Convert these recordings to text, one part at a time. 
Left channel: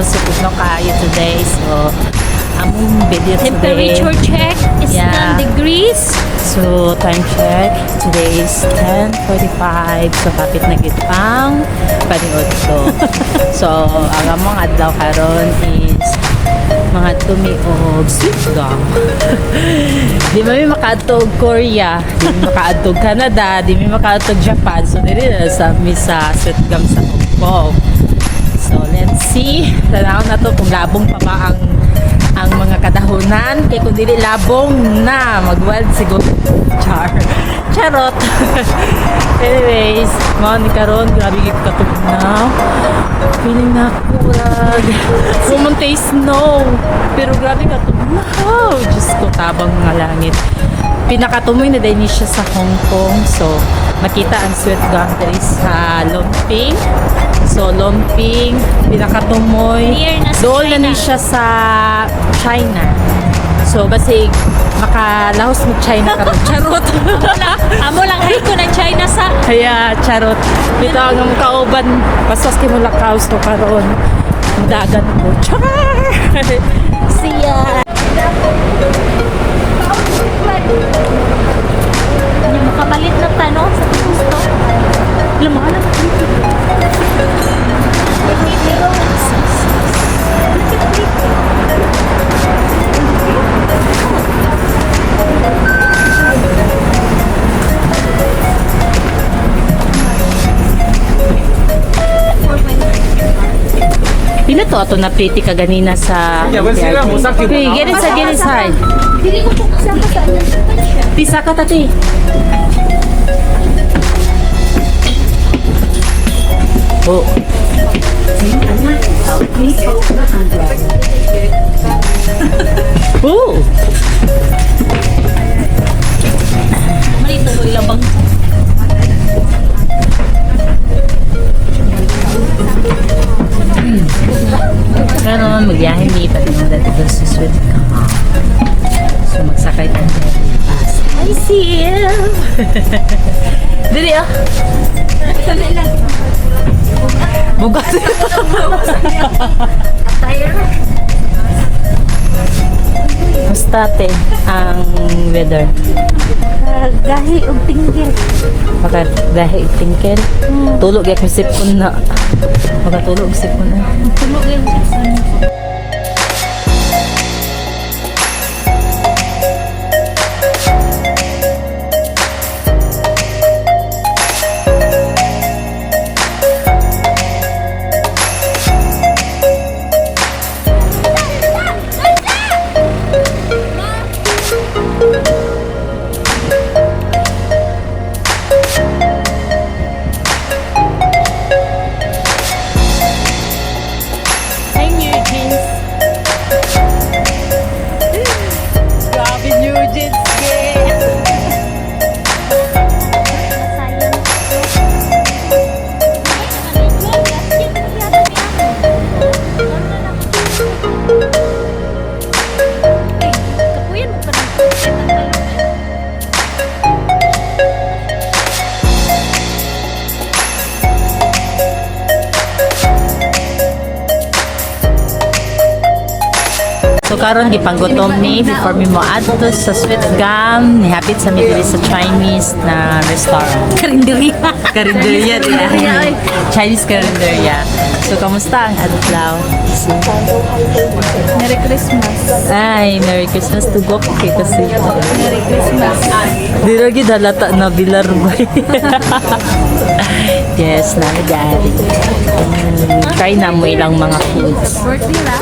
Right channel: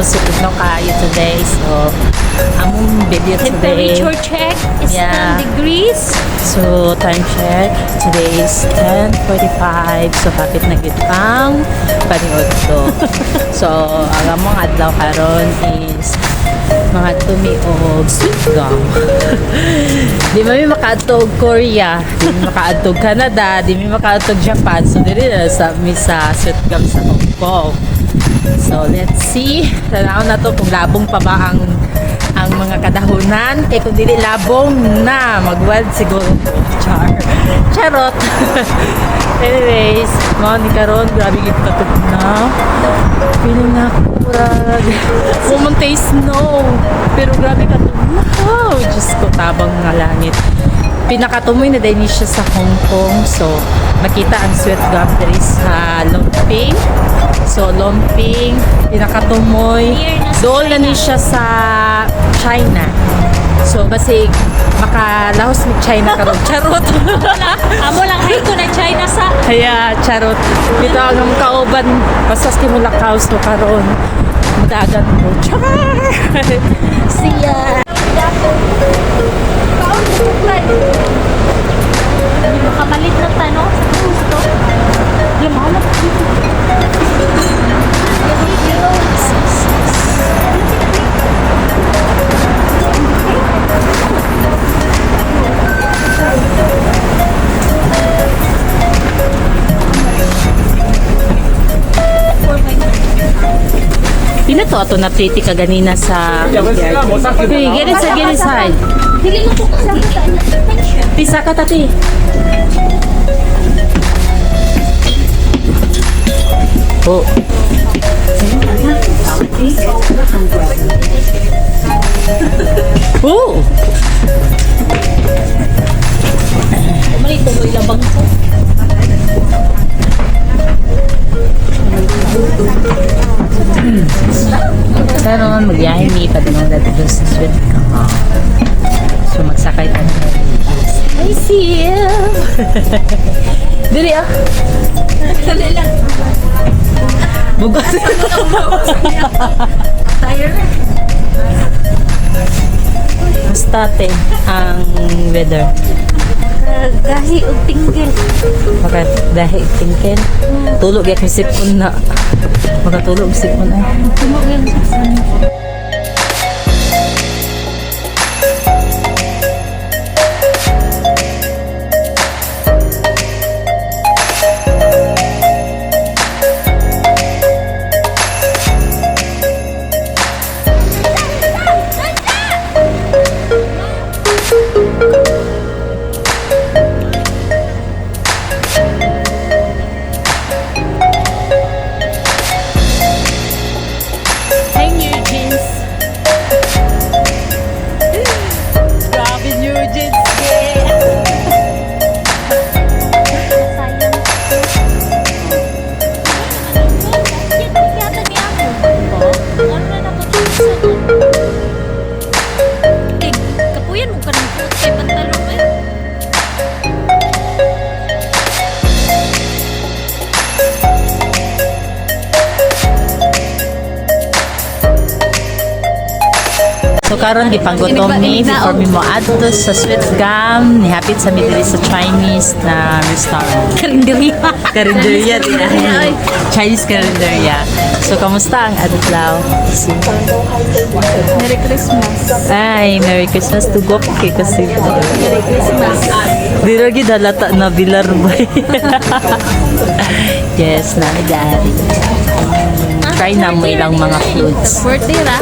Sipugno kayo today. So, among video today. Temperature check is Yeah. 10 degrees. So, time check. Today is 10:45. So, kapit na gid ang paniod to. So, ang among adlaw karon is mga tumi og sweet gum. Di mi makaadto og Korea, di mi makaadto og Canada, di mi makaadto og Japan. So, dili na sa mi sa sweet gum sa Hong Kong. So, let's see. Tanaw na to kung labong pa ba ang mga kadahunan. Kaya kung dili labong na, mag-wild siguro. Charot. Anyways, mga ni karon, grabe gid katugnaw. Feeling na kurag. Pumunta snow. Pero grabe katugnaw. Diyos ko, tabang mga langit. Pinakatumoy na din siya sa Hong Kong. So, makita ang sweet gum diri sa Lumping. So, Lumping, pinakatumoy. Doon na ni siya sa China. So, basig makalahos ni China karon. Charot. Amo lang dito ng China sa. Kaya, charot. Ito ang mga kauban. Pasas kay mo lakaos to karon. Madagan ko. Char! Siya! Hindi mo kamalit na tanong. Lumalap dito. Pila to ato na pretty ka ganina sa Hey, get inside. Dili na po kasi Pisa ka tati. Oh. Oh. malito mo yung bang. Karon magyahin ni tatinong dito sa sweet gum. So magsakay tayo ng bus. I see you. Dili oh. Dali lang. Bugas. Basta ten ang weather. Gahi og tinggil. Maka dahil tingkel. Tulog ya kasi sipon na. Makatulog sipon na. Tunog yan. Grabe New Jeans. Kapuyan mo ka ng puti pantalon eh. So karon gipanggutom ni before mi mo adto sa sweet gum ni hapit sa mi diri sa Chinese na restaurant. Karinderya. Karinderya diya. Chinese karinderya. So kamusta ang adlaw? Merry Christmas. Ay, Merry Christmas to go kay kasi. Merry Christmas. Di lagi dalata na bilar ba? Yes, nami dari. Try na mo ilang mga foods. Birthday na.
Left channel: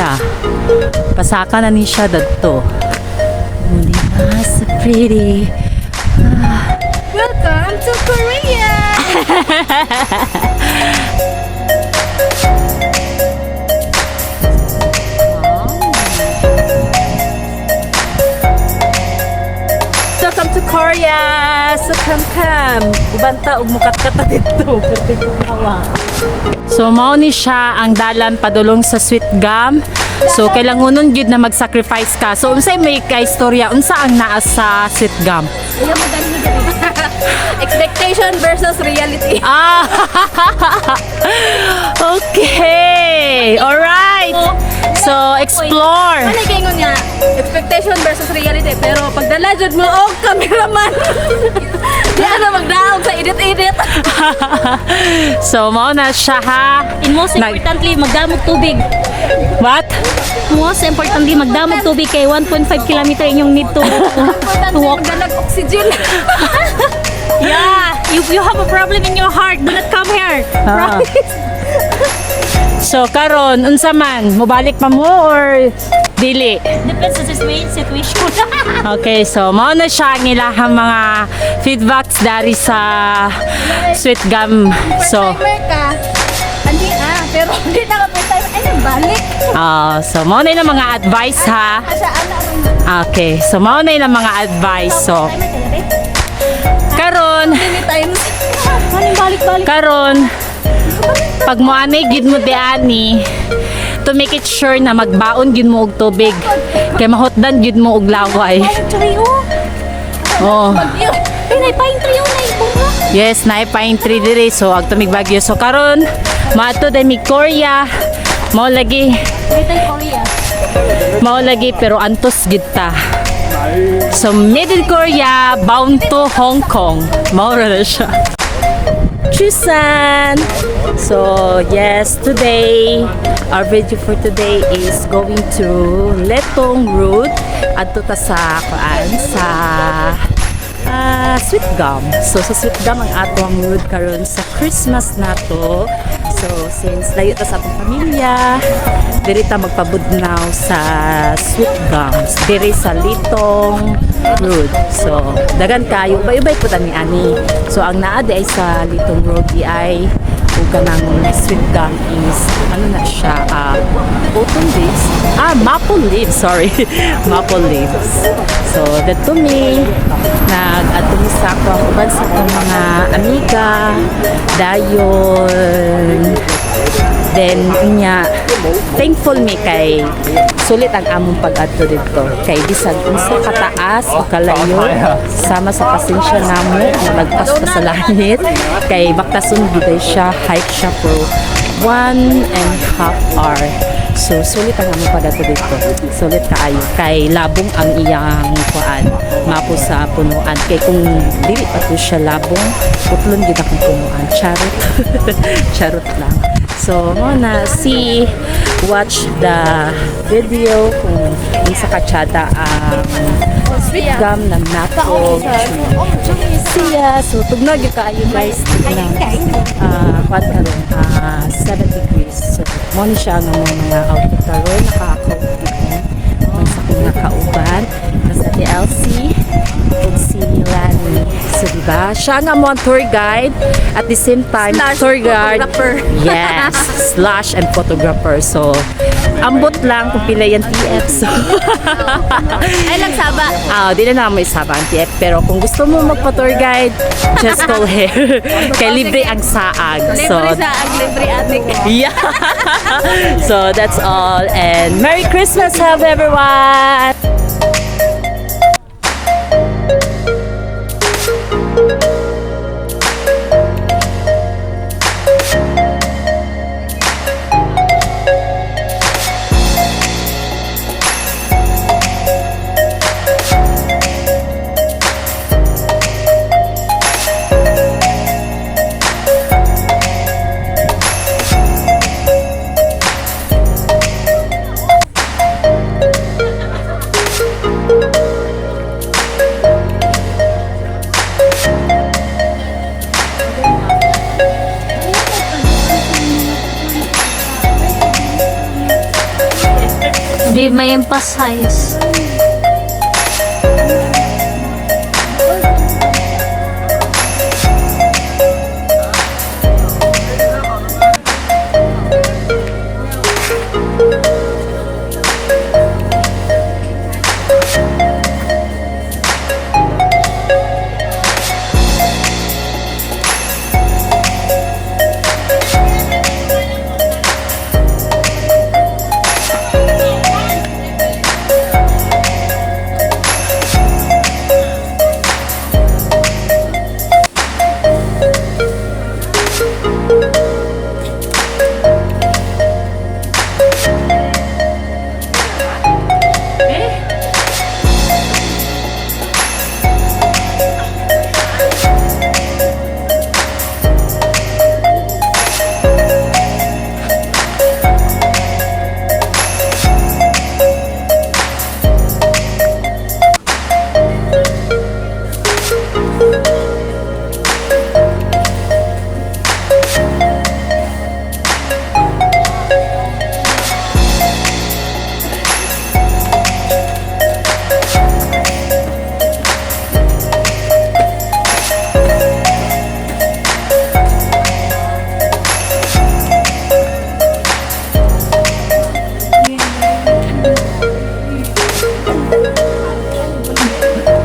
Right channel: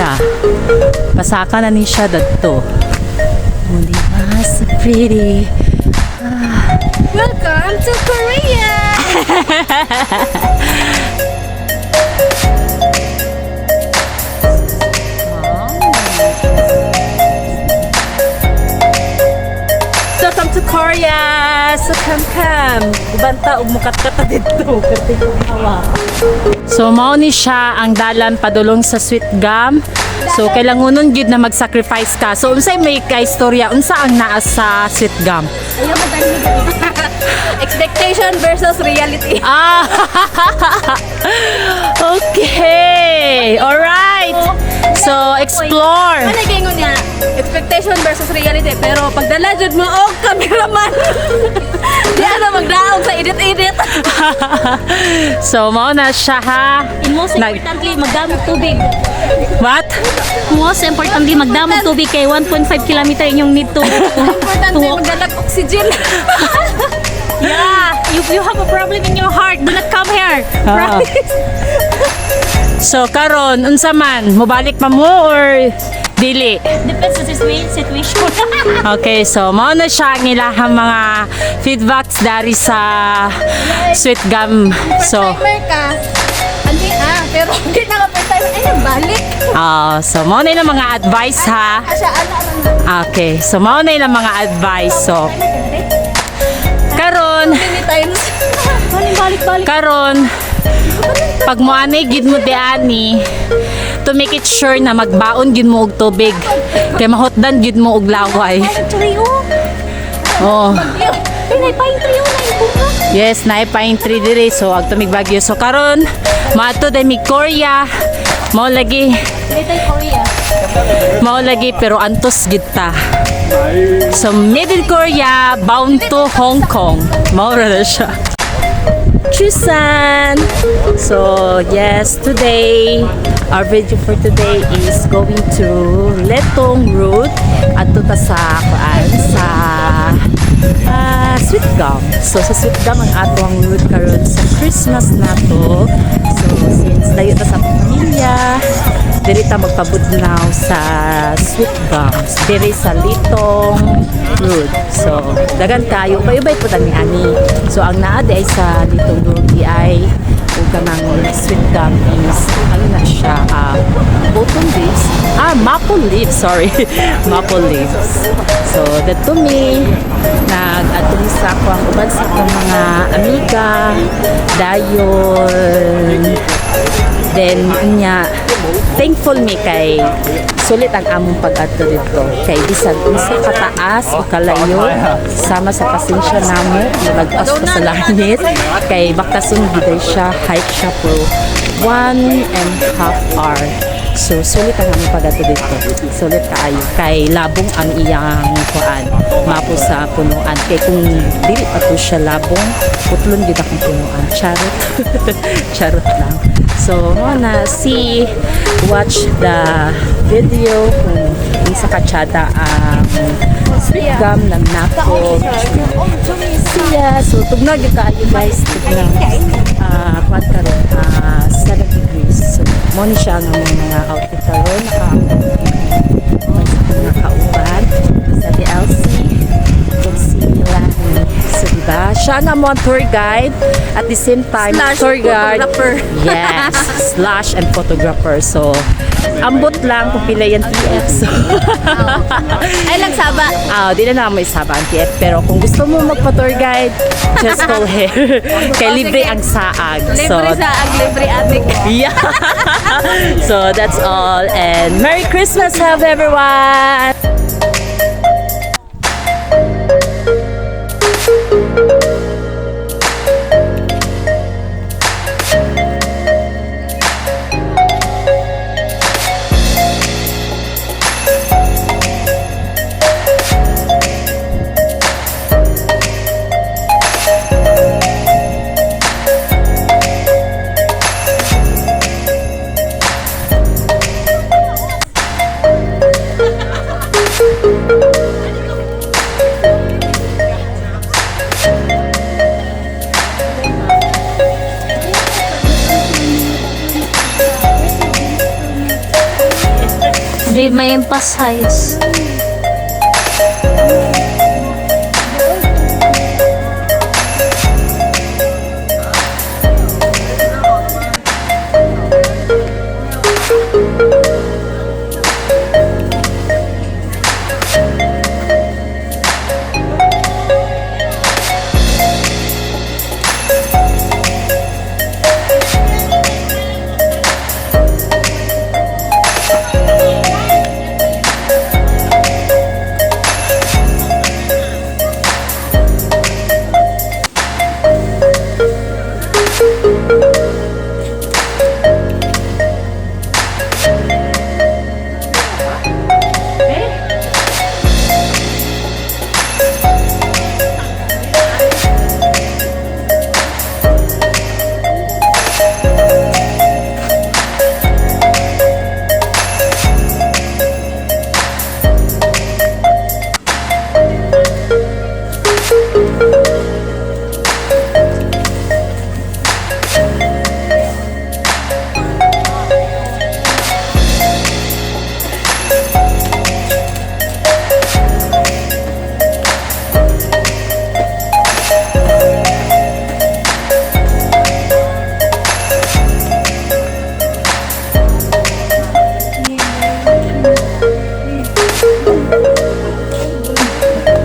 siya. Pasaka na ni siya dadto. Oh, diba? So pretty. Welcome to Korea! Welcome to Korea! So come. Ubanta ug mukat-kat dito. Kasi kawa. So mao ni siya ang dalan padulong sa sweet gum. So kailangonon gid na mag-sacrifice ka. So unsay may kaistorya unsa ang naa sa sweet gum? Alam mo dahil expectation versus reality. Ah. Okay. All right. So explore. Malagay mo nga, expectation versus reality. Pero pag dalajod mo, oh, cameraman! Di ano magdaog sa edit-edit. So mao na siya ha. And most importantly, magdamog tubig. What? Most importantly, magdamog tubig kay 1.5 kilometer inyong need to walk. Magdalag oxygen. Yeah, if you have a problem in your heart, do not come here. Ah. Promise. So karon unsa man mobalik pa mo or dili? Depends sa situation. Okay, so mao na siya ang ilahang mga feedbacks dari sa sweet gum. So Timer ka. Pero hindi na kapit tayo. Ay, balik. so mao na yung mga advice ha. Asa, ana, Okay, so mao na yung mga advice. So karon many times. Balik. karon pag mo anay gid mo diani to make it sure na magbaon gid mo og tubig kay mahotdan gid mo og laway. Oh. Yes, naay pine tree dire so ag tumig bagyo. So karon maato day mi Korea. Mao lagi pero antos gid ta. So Middle Korea bound to Hong Kong. Mao ra na siya. Chusan! So yes, today our video for today is going to Letong Road at ta sa sweet gum. So sa sweet gum ang atong road karon sa Christmas na to. So since layo ta sa atong pamilya, diri ta magpabudnaw sa sweet gums diri sa Litong Road. So dagan kayo ubay-ubay po tani ani. So ang naa di ay sa Litong Road di ay ug kanang sweet gum is ano na siya autumn leaves. Maple leaves, sorry. Maple leaves. So that to me nag-atong sa ako ang uban sa akong mga amiga dayon. Then unya thankful me kay sulit ang among pag-adto dito kay bisag unsa kataas o kalayo sama sa pasensya namo nalagpas pa sa langit kay baktason gid siya hike siya for 1.5 hour. So sulit ang among pag-adto dito. Sulit kaayo kay labong ang iyang kuan mapo sa punuan kay kung dili pa to siya labong putlon gid akong punuan. Charot. Charot lang. So, watch the video kung sa katsada ang sweet gum ng nature. Siya. So, tugnog yung kaayo guys. Tugnog. Kuwan karon 7 degrees. So, moni siya ang mga outfit karon. Naka-outfit sa kanyang kauban. Sa DLC. And si Lani. So, diba? Siya nga mo ang tour guide. At the same time, tour guide. Yes, slash and photographer. So, ambot lang kung pila yan TF. So, Ay, lang saba. di na naman isaba ang TF. Pero kung gusto mo magpa-tour guide, just go here. Kay libre ang saag. So, Libre saag, libre atik. yeah. So, that's all. And Merry Christmas, have everyone! Hindi may pa-size.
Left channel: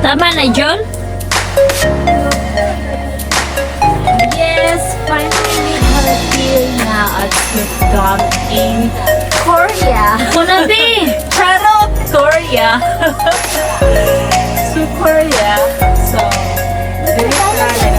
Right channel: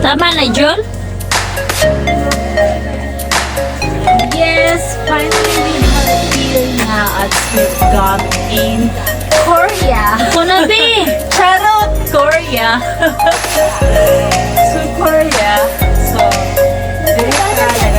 Tama na, John? Yes, finally we are here now at we've gone in Korea. Kunabi! Charot! Korea. So Korea. So, very proud